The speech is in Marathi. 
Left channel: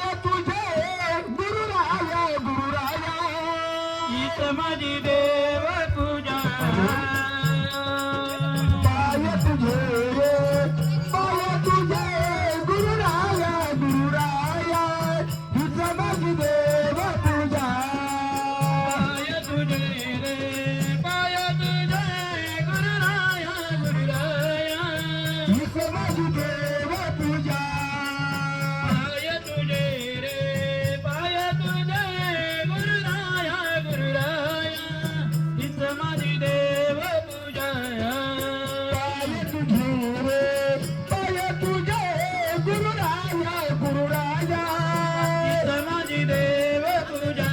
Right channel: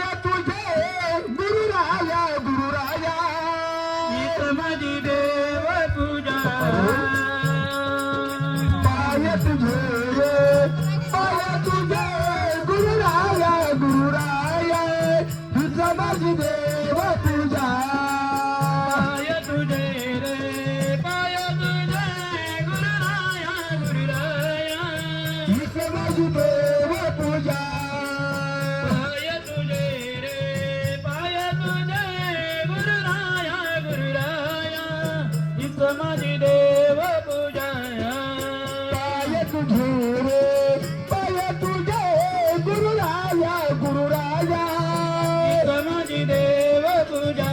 पाय तुझे गुरुराया गुरुराया हीच माझी देव पूजा पाय तुझे गुरुराया गुरुराया हीच माझी देव पूजा पाय तुझे रे पाय तुझे गुरुराया गुरुराया हीच माझी देव पूजा पाय तुझे रे पाय तुझे गुरुराया गुरुराया हीच माझी देव पूजा पाय तुझे रे पाय तुझे गुरुराया गुरुराया हीच माझी देव पूजा